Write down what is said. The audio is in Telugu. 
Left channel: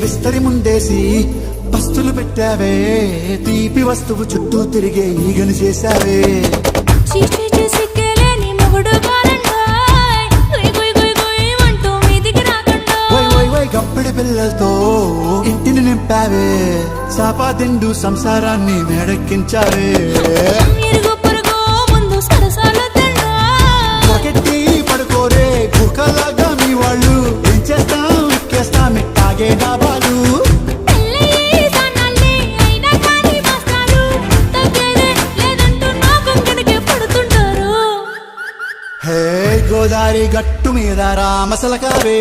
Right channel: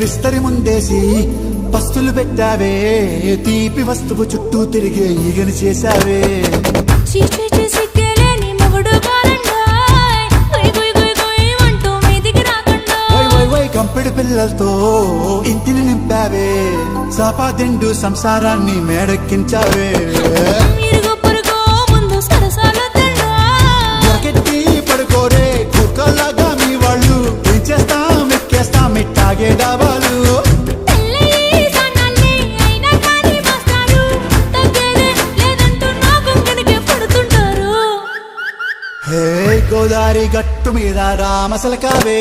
విస్తరి ముందేసి పస్తులు పెట్టావే తీపి వస్తువు చుట్టూ తిరిగే ఈగను చేశావే సిగ్గలేని మొగుడు అంటూ మీదికి రాకుండా గంపెడి పిల్లలతో ఇంటిని నింపావే సాపాదిండు సంసారాన్ని మేడెక్కించావే ఇరుగు పొరుగు ముందు సరసాలు కెట్టి పడుకోరే కుక్కలాగా మీ వాళ్ళు ఏం చేస్తాం ఎక్కేస్తాం ఇట్టాగే డాబాలు గోదారి గట్టు మీద రామసలకావే